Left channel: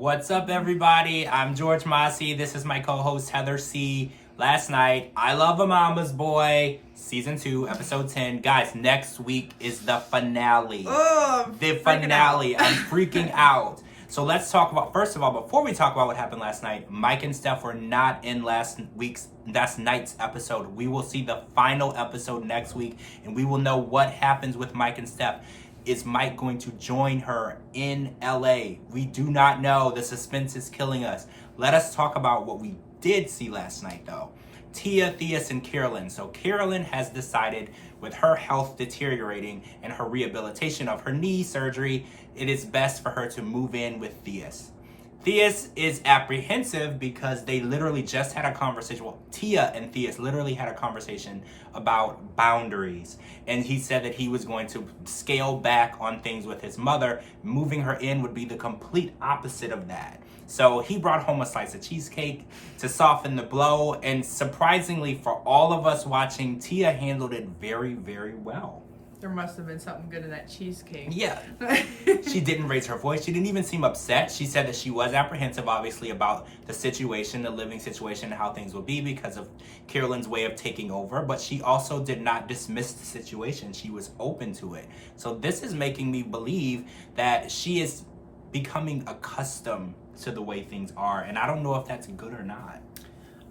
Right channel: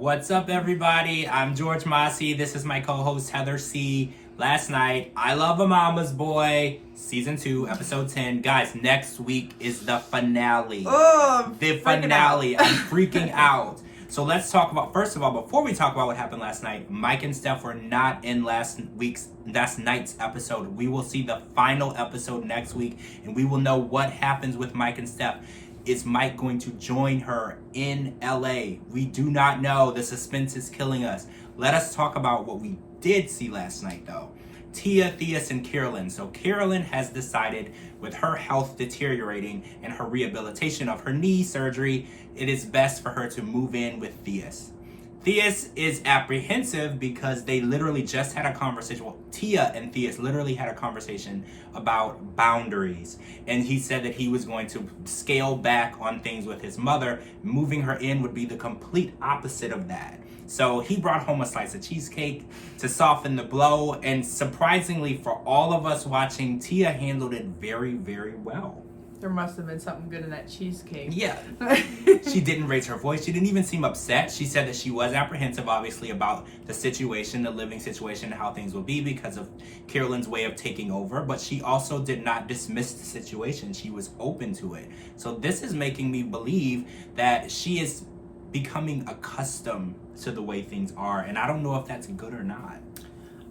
What's up, everybody? I'm George Mossey. This is my co-host, Heather C. Last night, I Love a Mama's Boy, Season 2, Episode 10. Guys, next week is the finale. Oh, the finale. I'm freaking out. So let's talk about, first of all, before we talk about what happened last night, Mike and Steph were night's episode. We will see the final episode next week, and we will know what happens with Mike and Steph. Is Mike going to join her in LA? We do not know. The suspense is killing us. Let us talk about what we did see last night, though. Tia, Theus, and Carolyn. So Carolyn has decided, with her health deteriorating and her rehabilitation of her knee surgery, it is best for her to move in with Theus. Theus is apprehensive because they literally just had a conversation. Well, Tia and Theus literally had a conversation about boundaries. And he said that he was going to scale back on things with his mother. Moving her in would be the complete opposite of that. So he brought home a slice of cheesecake to soften the blow. And surprisingly for all of us watching, Tia handled it very, very well. There must have been something good in that cheesecake. Yeah. She didn't raise her voice. She didn't even seem upset. She said that she was apprehensive, obviously, about the situation, the living situation, and how things will be because of Carolyn's way of taking over. But she also did not dismiss the situation. She was open to it. So this is making me believe that she is becoming accustomed to the way things are. And I don't know if that's good or not.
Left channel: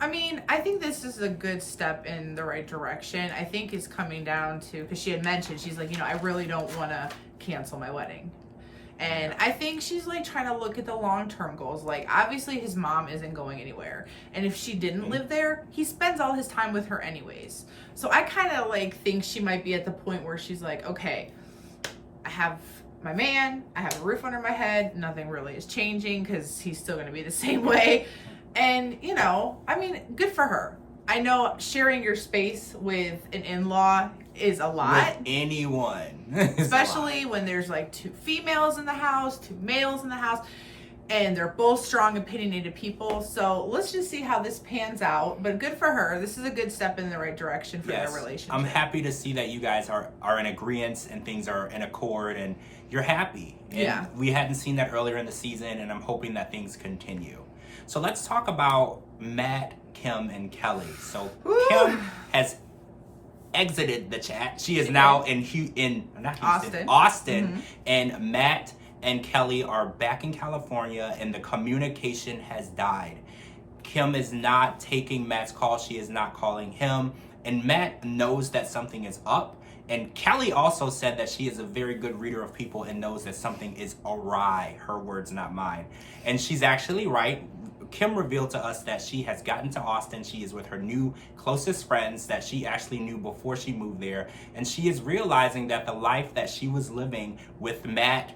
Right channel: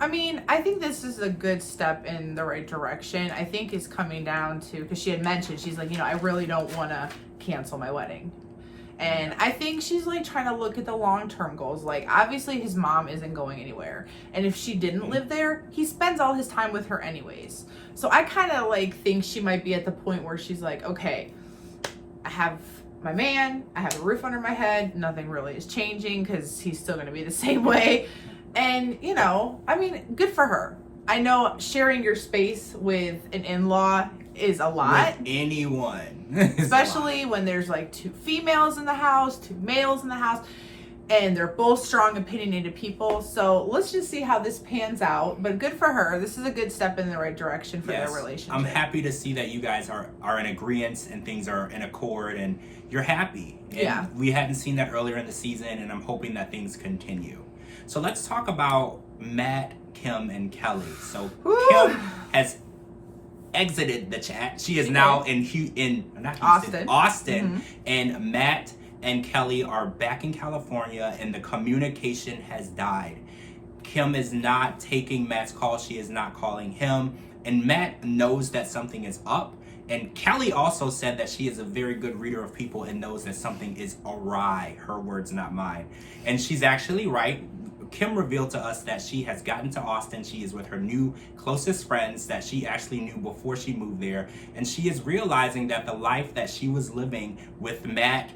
I mean, I think this is a good step in the right direction. I think it's coming down to, because she had mentioned, she's like, I really don't want to cancel my wedding. And I think she's like trying to look at the long-term goals. Like, obviously his mom isn't going anywhere. And if she didn't live there, he spends all his time with her anyways. So I kind of like think she might be at the point where she's like, okay, I have my man, I have a roof under my head. Nothing really is changing because he's still going to be the same way. And, I mean, good for her. I know sharing your space with an in-law is a lot. With anyone. Especially when there's like two females in the house, two males in the house, and they're both strong, opinionated people. So let's just see how this pans out. But good for her. This is a good step in the right direction for their relationship. I'm happy to see that you guys are in agreement and things are in accord and you're happy. And yeah. We hadn't seen that earlier in the season, and I'm hoping that things continue. So let's talk about Matt, Kim, and Kelly. So Kim has exited the chat. She is now in Austin. Mm-hmm. And Matt and Kelly are back in California, and the communication has died. Kim is not taking Matt's call. She is not calling him. And Matt knows that something is up. And Kelly also said that she is a very good reader of people and knows that something is awry. Her words, not mine. And she's actually right. Kim revealed to us that she has gotten to Austin. She is with her new closest friends that she actually knew before she moved there. And she is realizing that the life that she was living with Matt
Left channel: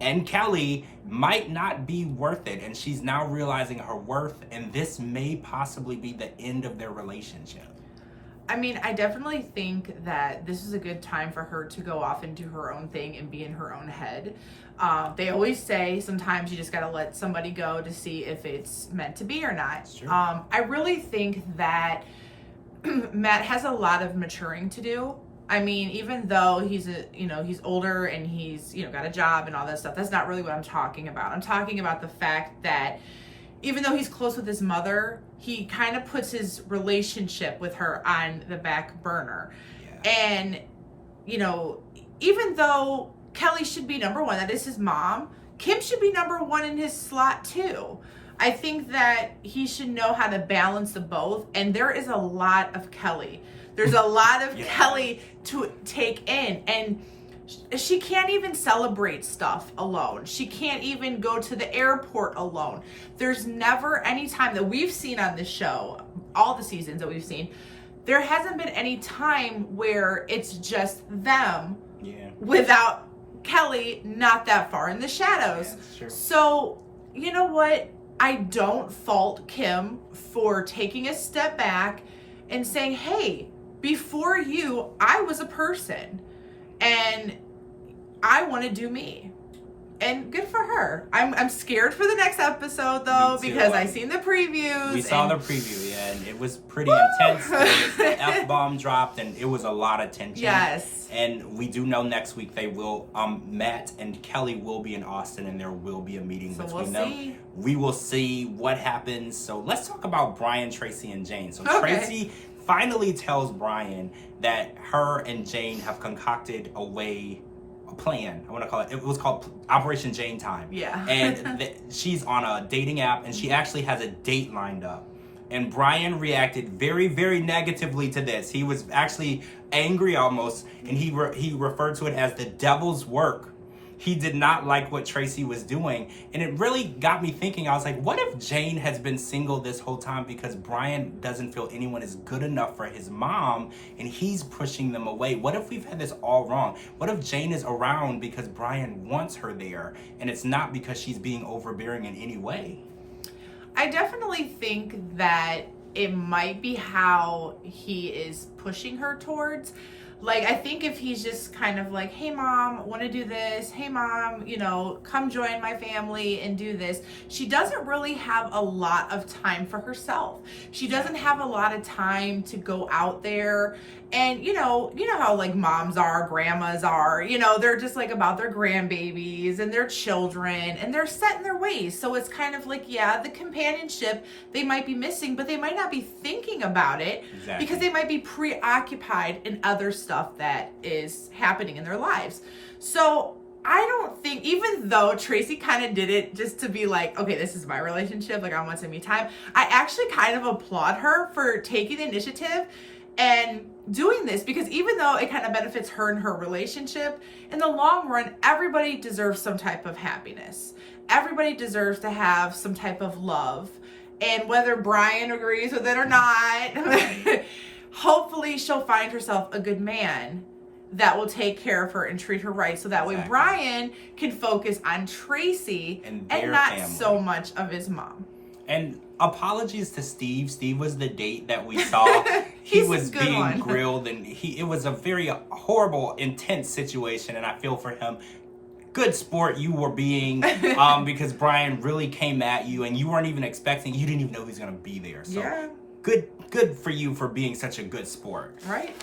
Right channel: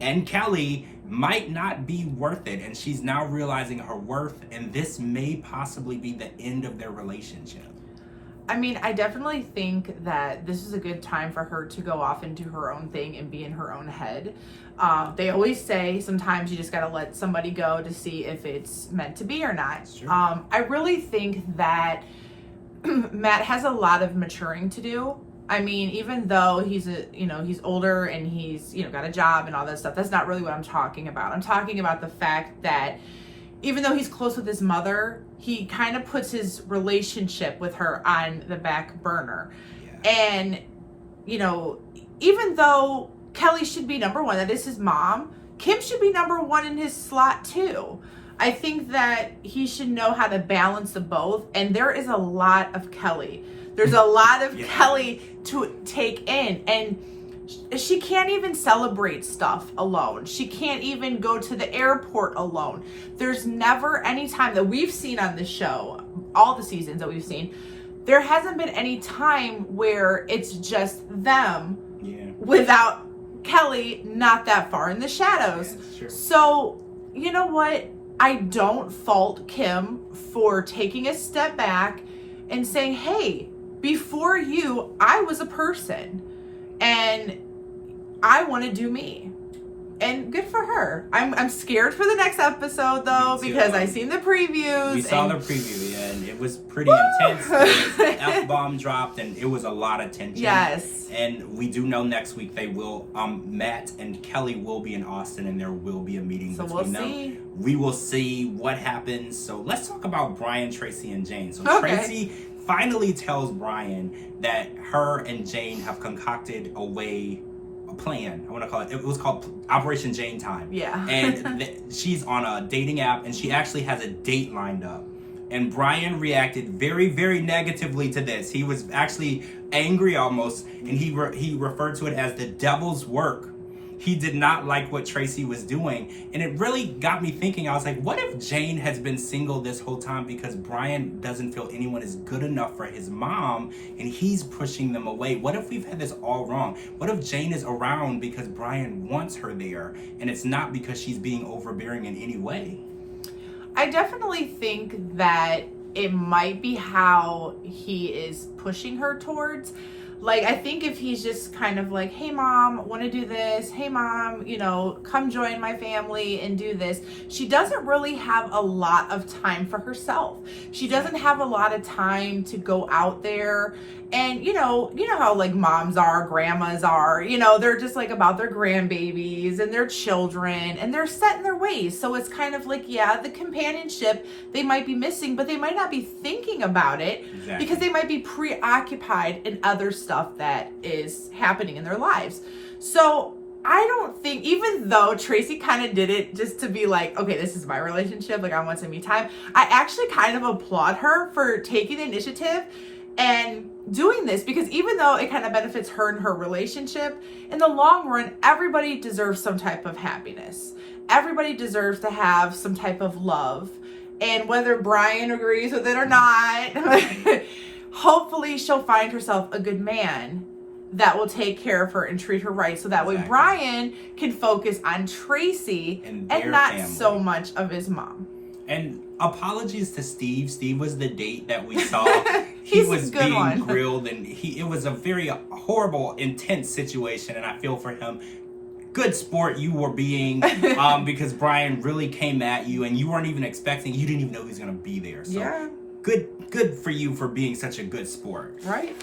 and Kelly might not be worth it. And she's now realizing her worth. And this may possibly be the end of their relationship. I mean, I definitely think that this is a good time for her to go off and do her own thing and be in her own head. They always say sometimes you just got to let somebody go to see if it's meant to be or not. I really think that Matt has a lot of maturing to do. I mean, even though he's older and he's, got a job and all that stuff, that's not really what I'm talking about. I'm talking about the fact that even though he's close with his mother, he kind of puts his relationship with her on the back burner. Yeah. And, even though Kelly should be number one, that is his mom, Kim should be number one in his slot too. I think that he should know how to balance the both. And there is a lot of Kelly. There's a lot of Kelly to take in. And she can't even celebrate stuff alone. She can't even go to the airport alone. There's never any time that we've seen on this show, all the seasons that we've seen, there hasn't been any time where it's just them without Kelly not that far in the shadows. So, you know what? I don't fault Kim for taking a step back and saying, hey, before you, I was a person. And I want to do me. And good for her. I'm scared for the next episode though, because I seen the previews. We saw the preview and it was pretty intense. The F-bomb dropped and it was a lot of tension. Yes. And we do know next week they will, Matt and Kelly will be in Austin and there will be a meeting between them. We will see what happens. So let's talk about Brian, Tracy, and Jane. So Tracy finally tells Brian that her and Jane have concocted a plan. I want to call it. It was called Operation Jane Time. Yeah. And she's on a dating app, and she actually has a date lined up. And Brian reacted very, very negatively to this. He was actually angry almost, and he referred to it as the devil's work. He did not like what Tracy was doing. And it really got me thinking. I was like, what if Jane has been single this whole time because Brian doesn't feel anyone is good enough for his mom and he's pushing them away? What if we've had this all wrong? What if Jane is around because Brian wants her there and it's not because she's being overbearing in any way? I definitely think that it might be how he is pushing her towards. Like, I think if he's just kind of like, hey, mom, want to do this? Hey, mom, come join my family and do this. She doesn't really have a lot of time for herself. She doesn't have a lot of time to go out there. And, you know how like moms are, grandmas are, they're just like about their grandbabies and their children and they're set in their ways. So it's kind of like, yeah, the companionship they might be missing, but they might not be thinking about it because they might be preoccupied in other stuff that is happening in their lives. So I don't think, even though Tracy kind of did it just to be like, okay, this is my relationship, like I want some me time, I actually kind of applaud her for taking the initiative and doing this, because even though it kind of benefits her and her relationship, in the long run, everybody deserves some type of happiness. Everybody deserves to have some type of love. And whether Brian agrees with it or not, hopefully she'll find herself a good man that will take care of her and treat her right. So that way Brian can focus on Tracy and not family. So much of his mom. And apologies to Steve. Steve was the date that we saw. He was being grilled, and it was a very horrible, intense situation, and I feel for him. Good sport you were being, because Brian really came at you, and you weren't even expecting. You didn't even know he was going to be there. So yeah. Good for you for being such a good sport. Right.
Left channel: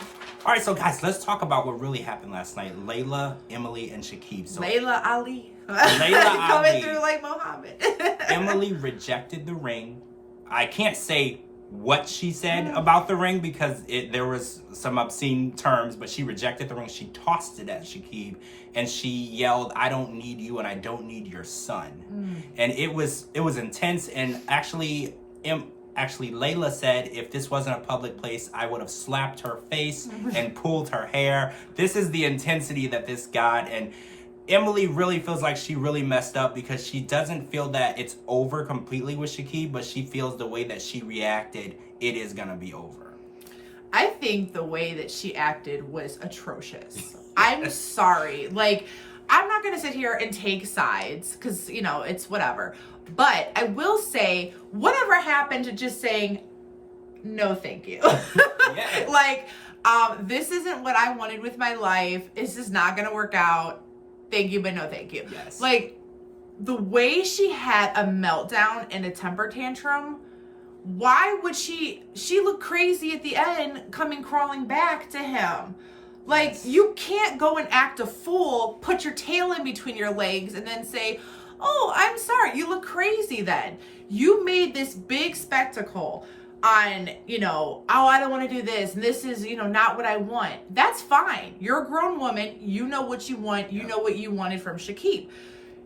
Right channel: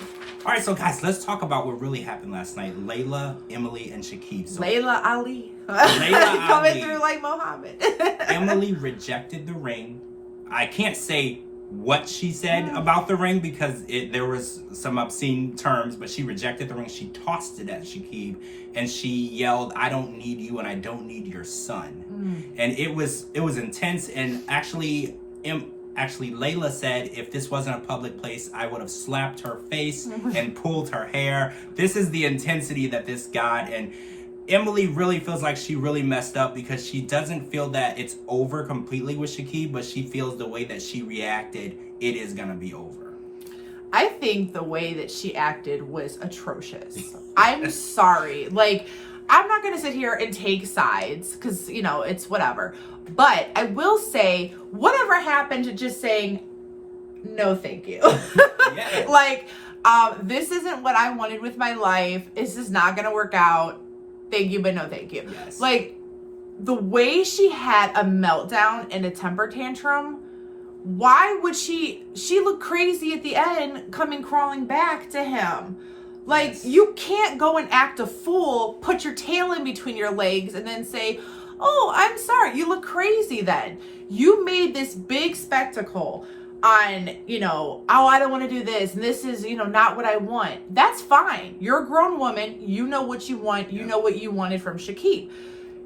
All right, so guys, let's talk about what really happened last night. Layla, Emily, and Shakib. So, Layla Ali. Layla coming Ali. through like Muhammad. Emily rejected the ring. I can't say what she said about the ring because there was some obscene terms, but she rejected the ring. She tossed it at Shakib and she yelled, "I don't need you and I don't need your son." And it was intense. And actually Layla said, if this wasn't a public place, I would have slapped her face and pulled her hair. This is the intensity that this got. And Emily really feels like she really messed up because she doesn't feel that it's over completely with Shakib, but she feels the way that she reacted, it is going to be over. I think the way that she acted was atrocious. I'm sorry. Like, I'm not going to sit here and take sides because, it's whatever. But I will say, whatever happened to just saying, no, thank you. Yes. Like, this isn't what I wanted with my life. This is not going to work out. Thank you, but no thank you. Yes. Like, the way she had a meltdown and a temper tantrum, why would she looked crazy at the end coming crawling back to him. Like, yes. You can't go and act a fool, put your tail in between your legs, and then say, oh, I'm sorry, you look crazy then. You made this big spectacle on, oh, I don't want to do this, and this is, not what I want. That's fine. You're a grown woman. You know what you want. You know what you wanted from Shakib.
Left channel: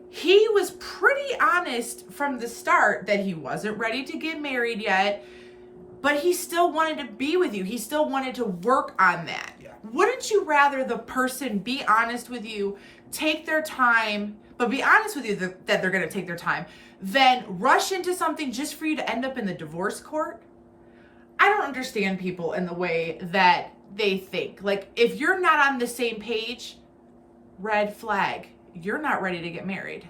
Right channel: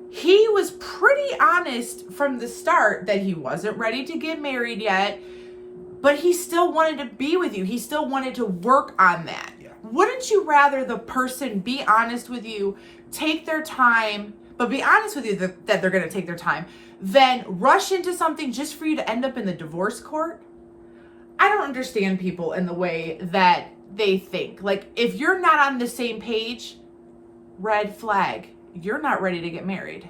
He was pretty honest from the start that he wasn't ready to get married yet, but he still wanted to be with you. He still wanted to work on that. Yeah. Wouldn't you rather the person be honest with you, take their time, but be honest with you that they're going to take their time, than rush into something just for you to end up in the divorce court? I don't understand people in the way that they think. Like, if you're not on the same page, red flag. You're not ready to get married.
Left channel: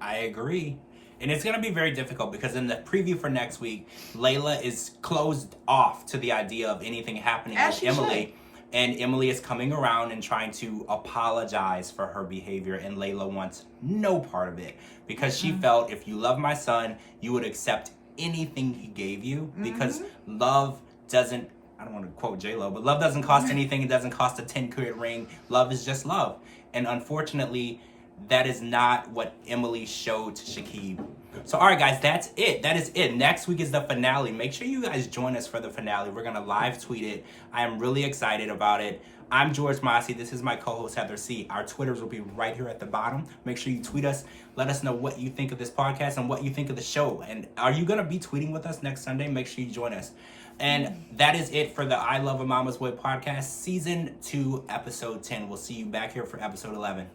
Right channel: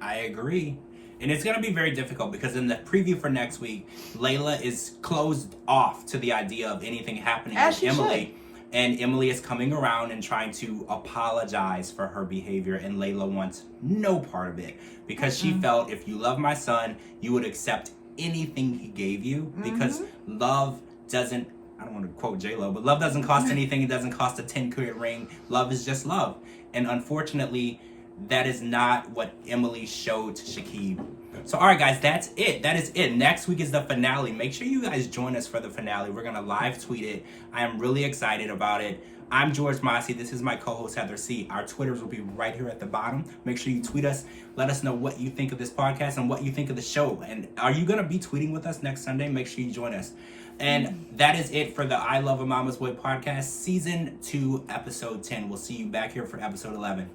I agree. And it's going to be very difficult because in the preview for next week, Layla is closed off to the idea of anything happening with Emily. And Emily is coming around and trying to apologize for her behavior, and Layla wants no part of it because she felt if you love my son, you would accept anything he gave you because love doesn't, I don't want to quote J-Lo, but love doesn't cost anything. It doesn't cost a 10-carat ring. Love is just love. And unfortunately, that is not what Emily showed to Shakib. So, all right, guys, that's it. That is it. Next week is the finale. Make sure you guys join us for the finale. We're going to live tweet it. I am really excited about it. I'm George Mossey. This is my co-host, Heather C. Our Twitters will be right here at the bottom. Make sure you tweet us. Let us know what you think of this podcast and what you think of the show. And are you going to be tweeting with us next Sunday? Make sure you join us. And that is it for the I Love a Mama's Boy podcast, Season 2, Episode 10. We'll see you back here for Episode 11.